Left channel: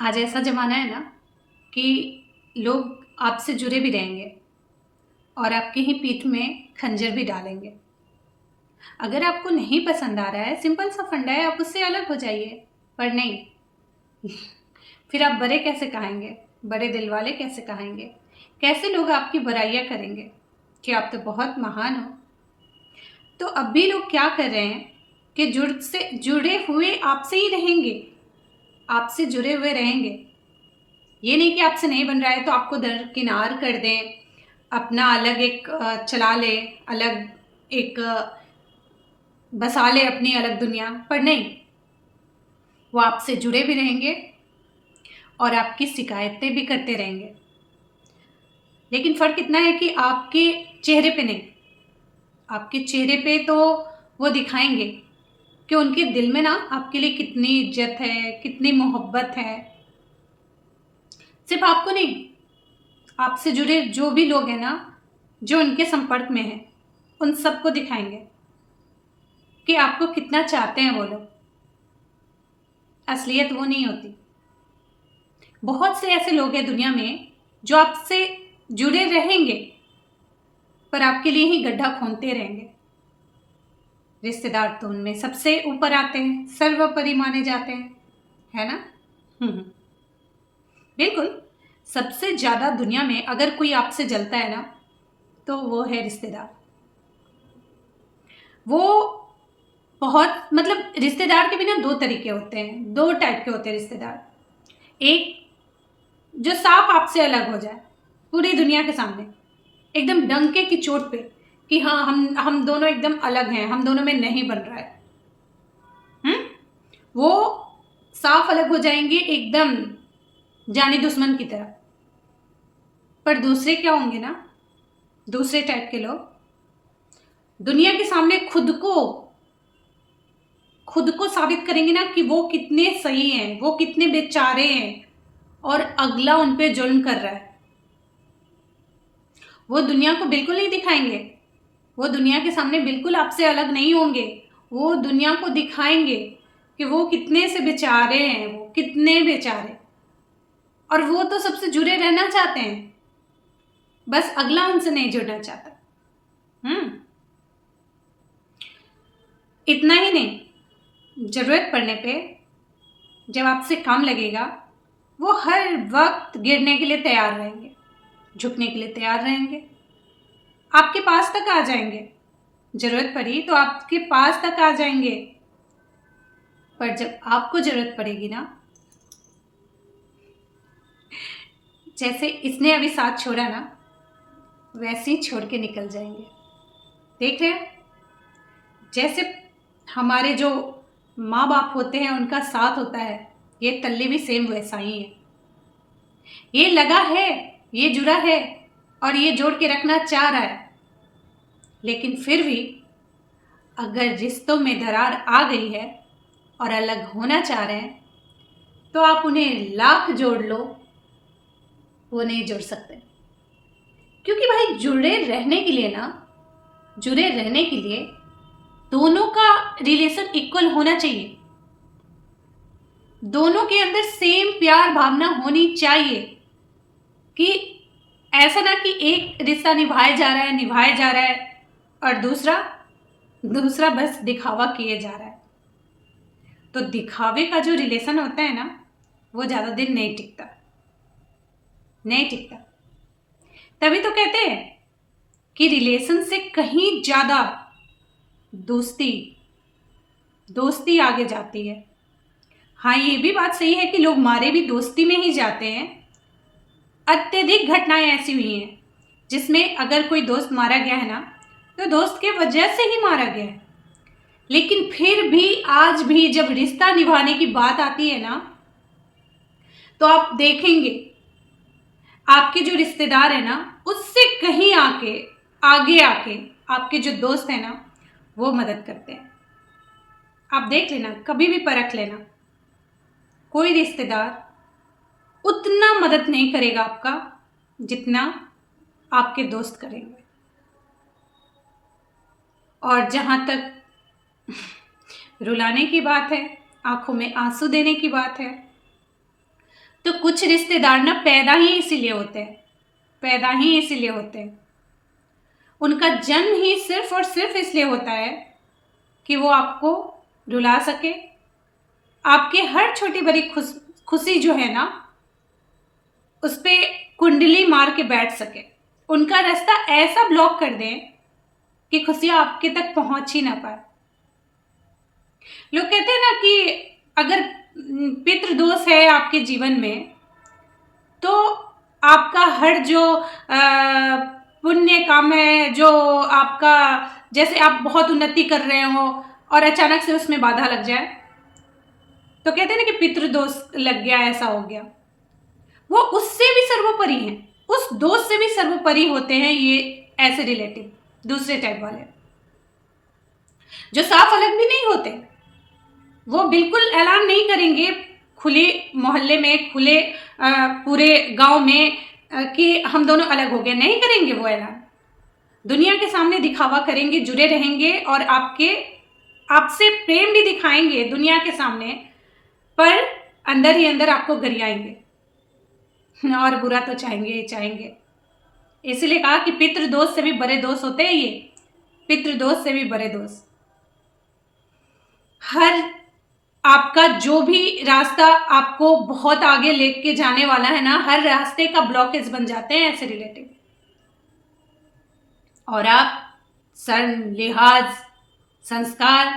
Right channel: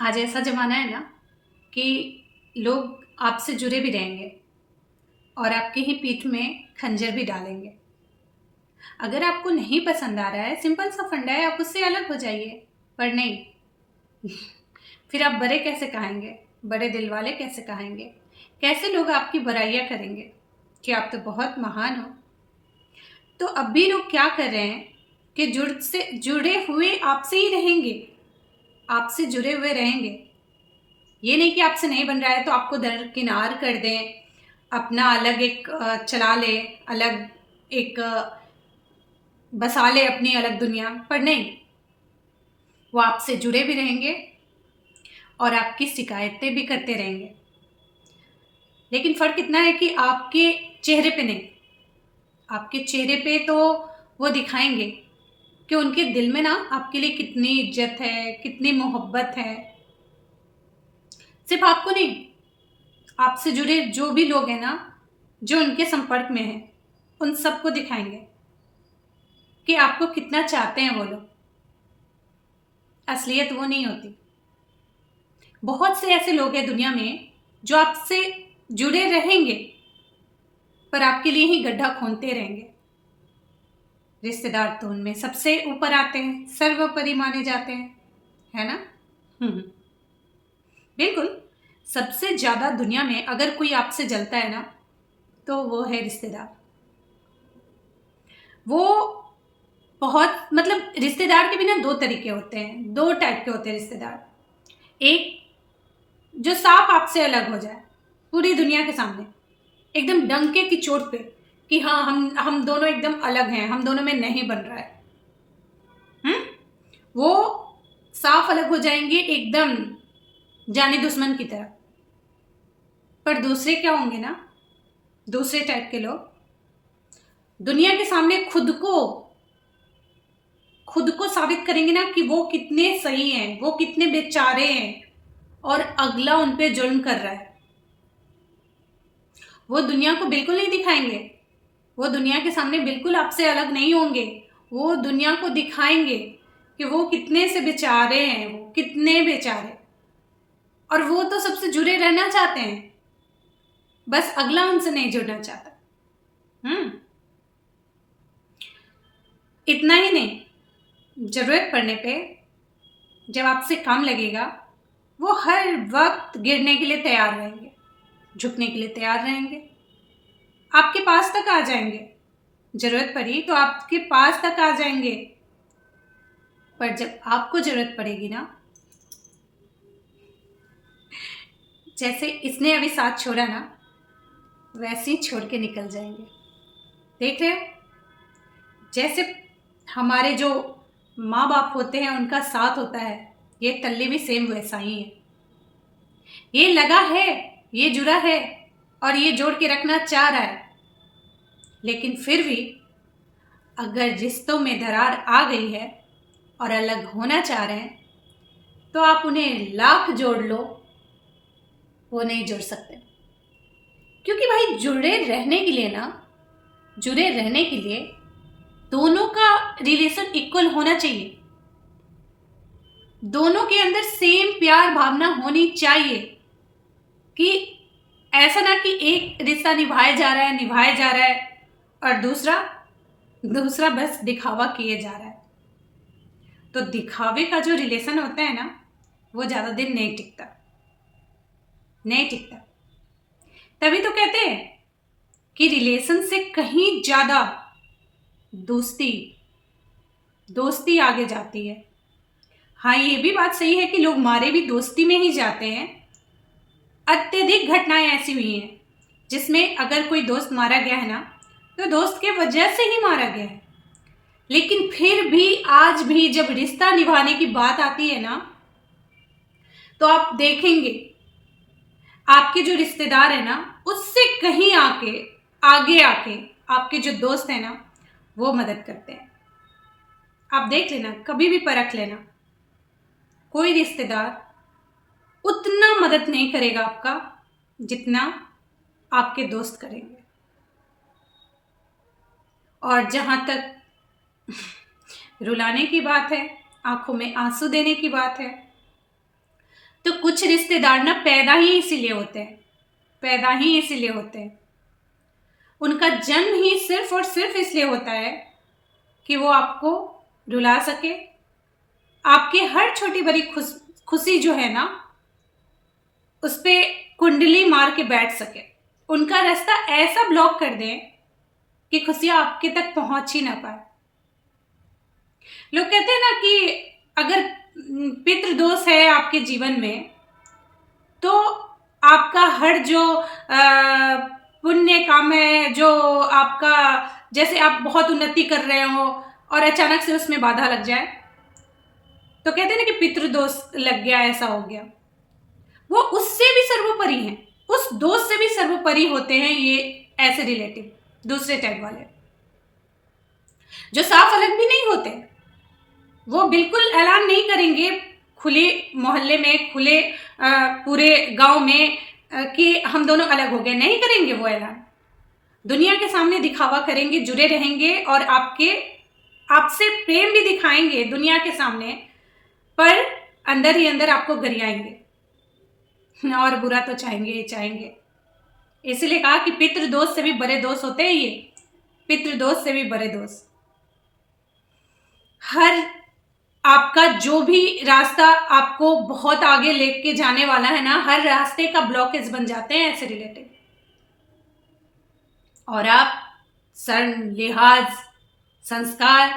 आज ऐसा ज़माना है ना कि लोग आपसे जुड़े भी रहेंगे और आपकी ही पीठ में खंजर भी डालेंगे। अगर आपको नहीं पसंद आ रहा है, सिंपल सा फंडा है, आप उससे अलग हो जाइए। पर नहीं, फिर आप बड़े कैसे कहेंगे, बड़े दिल वाले कैसे कहेंगे, कैसे लोग आपकी बुराइयां करेंगे कि आप तो बहुत महान हो। तो अब भी लोग क्या कर रहे हैं कि जुड़े हुए आपसे ही रहेंगे, आपसे जुड़े हुए रहेंगे। ये नहीं कि आपसे नहीं बन रहा है तो आपको दरकिनार कर दें, अपना अलग एक चला ले, अलग एक बसा ले अपनी अलग दुनिया। पर नहीं, वो आपसे जुड़े भी रहेंगे और आपकी शिकायतें भी करते रहेंगे। लेकिन फ़र्क इतना है कि आपके चेहरे पे नहीं, आपके चेहरे पे तो वो दिखाएंगे कि उनके दिल में ना आपके लिए कितनी इज्जत है, कितनी मोहब्बत है। सिर्फ आपको नहीं, आपसे जुड़े जो भी लोग हैं ना, जो उनके संपर्क में हैं, उन सबको दिखाएंगे कि आपको कितना चाहते हैं वो लोग। असलियत वो नहीं होती। बहुत से ऐसे लोग हैं दुनिया में जो आपसे जुड़े रहेंगे पर आपके लिए ही गड्ढा खोदते रहेंगे। रिश्तेदार तो उनमें सबसे ऊपर आते हैं, सर्वोपरि माने जाते हैं, है ना। बिल्कुल। सबसे ज्यादा दुनिया में अगर कोई आपसे जलता है ना, तो वो है रिश्तेदार। वो बहुत मतलब रिश्तेदार के भी ना दो तरीके होते हैं, दो टाइप के होते हैं रिश्तेदार। एक जो साफ आपसे अलग हो जाए पूरी दुनिया के सामने, एकदम डंके की चोट पे कि हाँ हम दोनों एकदम अलग हैं, हम दोनों में नहीं बन रहा है। वो साफ अलग हो जाएंगे एकदम जाने दुश्मन की तरह। पर दूसरे क्या होंगे ना, दूसरे टाइप के लोग दुनिया के सामने खुद को साबित करेंगे ना कि वो कितने सही हैं, वो कितने बेचारे हैं और अगला उन पे जुल्म कर रहा है। वो दुनिया को बिल्कुल नहीं दिखाएंगे, वो दुनिया के सामने बिल्कुल आपसे अलग नहीं होंगे। वो दुनिया को दिखाएंगे कि वो कितने से बेचारे हैं, वो कितने बेचारे। और वो तो सबसे जुड़े रहना चाहते हैं, बस अगला उनसे नहीं जुड़ना चाहता। इतना ही नहीं, जरूरत पड़ने पे जब आपसे काम लगेगा, वो हर वक्त गिरने के लिए तैयार रहेंगे, झुकने के लिए तैयार रहेंगे, आपके पास तक आ जाएंगे। जरूरत पड़ी तो आपके पास तक आ जाएंगे। पर जब आपको जरूरत पड़ेगी ना, जैसे इसने अभी साथ छोड़ा ना, वैसे ही छोड़ के निकल जाएंगे। देख रहे हैं, जैसे हमारे जो माँ बाप होते हैं उनका साथ होता है, ये तल्ली भी सेम वैसा ही है। ये लगा है, ये जुड़ा है और ये जोड़ के रखना चाह रहा है। लेकिन फिर भी अगर रिश्तों में दरार आ गई है और अलग होना चाह रहे हैं, तो आप उन्हें लाख जोड़ लो, वो नहीं जुड़ सकते। क्योंकि भाई जुड़े रहने के लिए दोनों का रिलेशन इक्वल होना चाहिए। दोनों के अंदर सेम प्यार भावना होनी चाहिए कि ऐसा ना कि एक रिश्ता निभाया जा रहा है और दूसरा बस दिखावा किए जा रहा है। तो दिखावे का जो रिलेशन होता है ना, वो ज़्यादा दिन नहीं टिकता। तभी तो कहते हैं कि रिलेशन से कहीं ज़्यादा दोस्ती आगे जाती है। हाँ, ये भी बात सही है कि लोग मारे भी दोस्ती में ही जाते हैं। अत्यधिक घटनाएं ऐसी हुई हैं जिसमें अगर कोई दोस्त मारा गया है ना, तो दोस्त के वजह से ही मारा गया है। लेकिन फिर भी आज भी जब रिश्ता निभाने की बात आती है ना, तो आप देखेंगे आपके जो रिश्तेदार है ना, उससे कहीं आगे आके आपके जो दोस्त है ना, वो मदद करते हैं। आप देख लेना, कभी भी परख लेना, कोई रिश्तेदार उतना मदद नहीं करेगा आपका जितना आपके दोस्त करेंगे। और जहां तक रुलाने की बात है, आंखों में आंसू देने की बात है, कुछ रिश्तेदार ना पैदा ही इसीलिए होते हैं, पैदा ही इसीलिए होते हैं। उनका जन्म ही सिर्फ और सिर्फ इसलिए होता है कि वो आपको रुला सके, आपके हर छोटी बड़ी खुशी जो है ना उस पर कुंडली मार के बैठ सके, उनका रास्ता ऐसा ब्लॉक कर दें कि खुशियाँ आपके तक पहुंच ही ना पाए। लोग कहते हैं ना कि अगर पितृदोष है आपके जीवन में तो आपका हर जो पुण्य काम है, जो आपका, जैसे आप बहुत उन्नति कर रहे हो और अचानक से उसमें बाधा लग जाए तो कहते हैं ना कि पितृदोष लग गया, ऐसा हो गया। वो उससे भी सर्वोपरि हैं, उस दोष से भी सर्वोपरि होते हैं ये ऐसे रिलेटिव, दूसरे टाइप वाले जो साफ अलग भी नहीं होते। वो बिल्कुल ऐलान नहीं करेंगे खुले मोहल्ले में, खुले पूरे गांव में कि हम दोनों अलग हो गए, नहीं करेंगे वो ऐलान। दुनिया के सामने दिखावा करेंगे, जुड़े रहेंगे और आपसे प्रेम भी दिखाएंगे दुनिया के सामने, पर अंदर ही अंदर आपको गरियाएंगे और बुरा तो चाहेंगे ही चाहेंगे। इसलिए कहा कि पितृदोष से भी बड़े दोष होते हैं ये, पितृदोष से भी बड़े दोष। हर आपका जो भी रास्ता आपको बहुत आगे लेके जाने वाला है ना, हर रास्ते का ब्लॉकेज बन जाते हैं ऐसे रिलेटिव। और आप शर्म, लिहाज, संस्कार,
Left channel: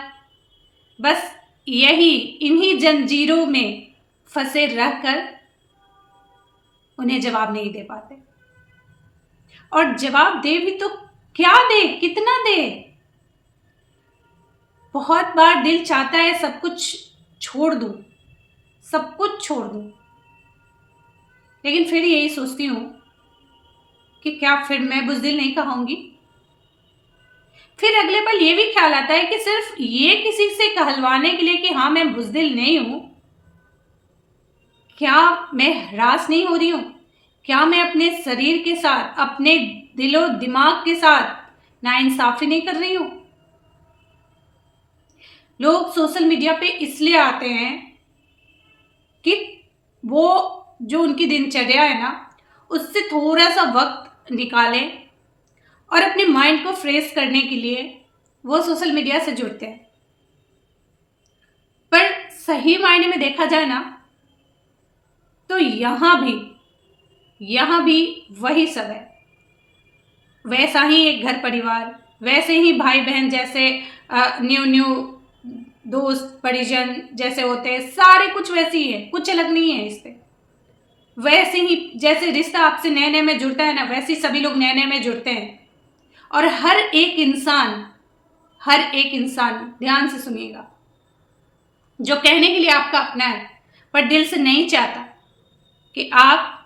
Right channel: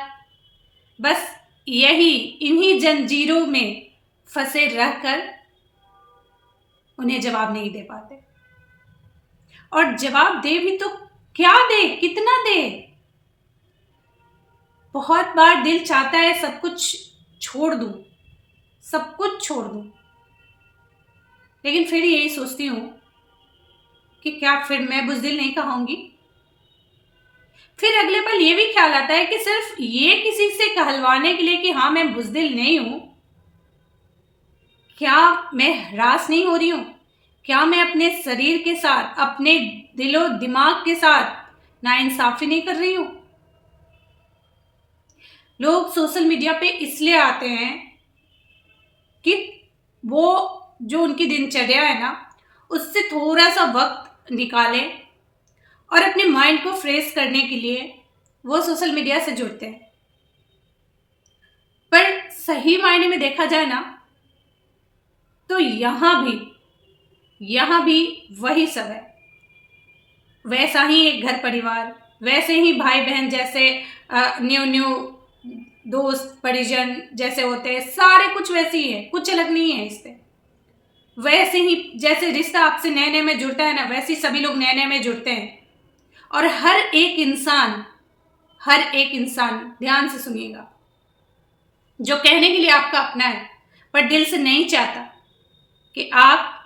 बस यही इन्हीं जंजीरों में फंसे रहकर उन्हें जवाब नहीं दे पाते। और जवाब दे भी तो क्या दे, कितना दे। बहुत बार दिल चाहता है सब कुछ छोड़ दूं, सब कुछ छोड़ दूं, लेकिन फिर यही सोचती हूं कि क्या फिर मैं बुज़दिल नहीं कहूंगी। फिर अगले पल ये भी ख्याल आता है कि सिर्फ ये किसी से कहलवाने के लिए कि हाँ मैं बुज़दिल नहीं हूं, क्या मैं हरास नहीं हो रही हूं? क्या मैं अपने शरीर के साथ, अपने दिलो दिमाग के साथ नाइंसाफी नहीं कर रही हूं? लोग सोशल मीडिया पे इसलिए आते हैं कि वो जो उनकी दिनचर्या है ना उससे थोड़ा सा वक्त निकालें और अपने माइंड को फ्रेश करने के लिए वो सोशल मीडिया से जुड़ते हैं। पर सही मायने में देखा जाए ना तो यहाँ भी वही सब है। वैसा ही एक घर परिवार, वैसे ही भाई बहन जैसे न्यू दोस्त परिजन जैसे होते हैं, सारे कुछ वैसे ही है, कुछ अलग नहीं है इससे। वैसे ही जैसे रिश्ता आपसे नए नए में जुड़ता है ना, वैसे ही सभी लोग नए नए में जुड़ते हैं। और हर एक इंसान ध्यान से सुनिएगा, जो कहने के लिए आपका अपना है पर दिल से नहीं चाहता कि आप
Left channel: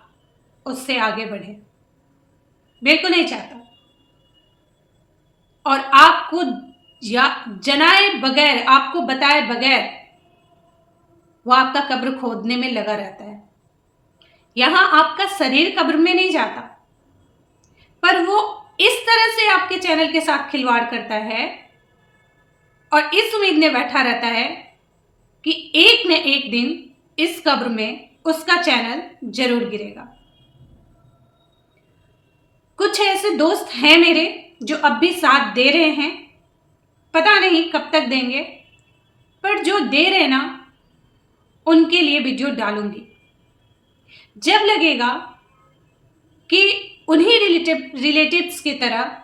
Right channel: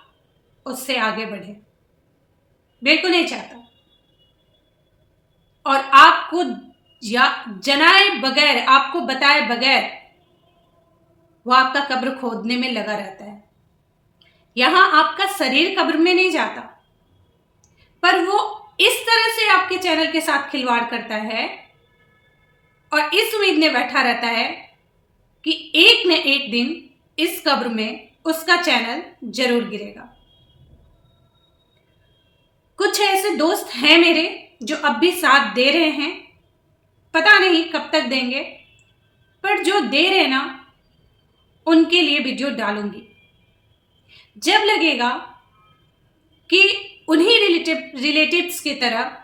उससे आगे बढ़े, बिल्कुल नहीं चाहता। और आपको जनाए बगैर, आपको बताए बगैर वो आपका कब्र खोदने में लगा रहता है। यहां आपका शरीर कब्र में नहीं जाता, पर वो इस तरह से आपके चैनल के साथ खिलवाड़ करता है और इस उम्मीद में बैठा रहता है कि एक न एक दिन इस कब्र में उसका चैनल जरूर गिरेगा। कुछ ऐसे दोस्त हैं मेरे जो अब भी साथ दे रहे हैं, पता नहीं कब तक देंगे, पर जो दे रहे ना उनके लिए वीडियो डालूंगी। जब लगेगा कि उन्हीं रिलेटिव्स की तरह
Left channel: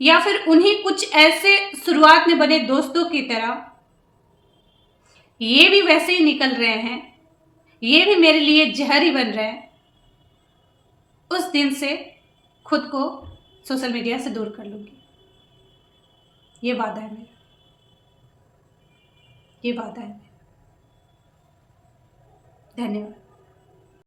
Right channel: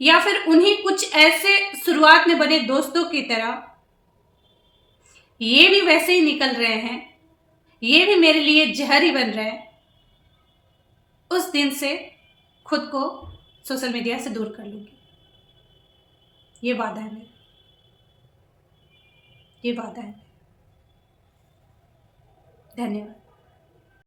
या फिर उन्हीं कुछ ऐसे शुरुआत में बने दोस्तों की तरह ये भी वैसे ही निकल रहे हैं, ये भी मेरे लिए जहर ही बन रहे हैं, उस दिन से खुद को सोशल मीडिया से दूर कर लूंगी। ये वादा है मेरा, ये वादा है। धन्यवाद।